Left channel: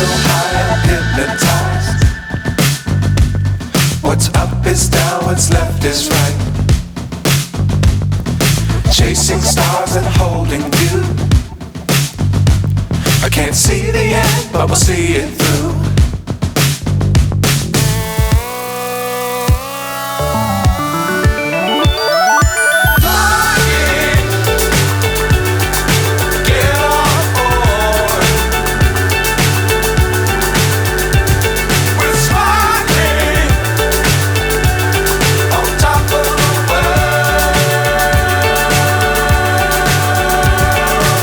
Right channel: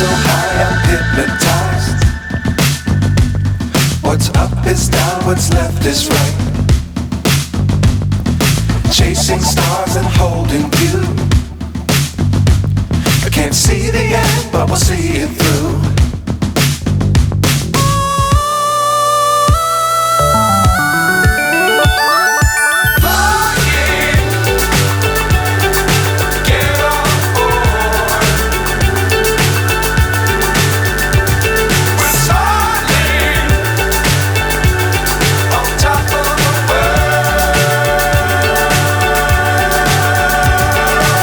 So high I'm hypnotized. What's up is down, what's left is right. Chasing stars and holding you. I can't see the end, but we'll see it through.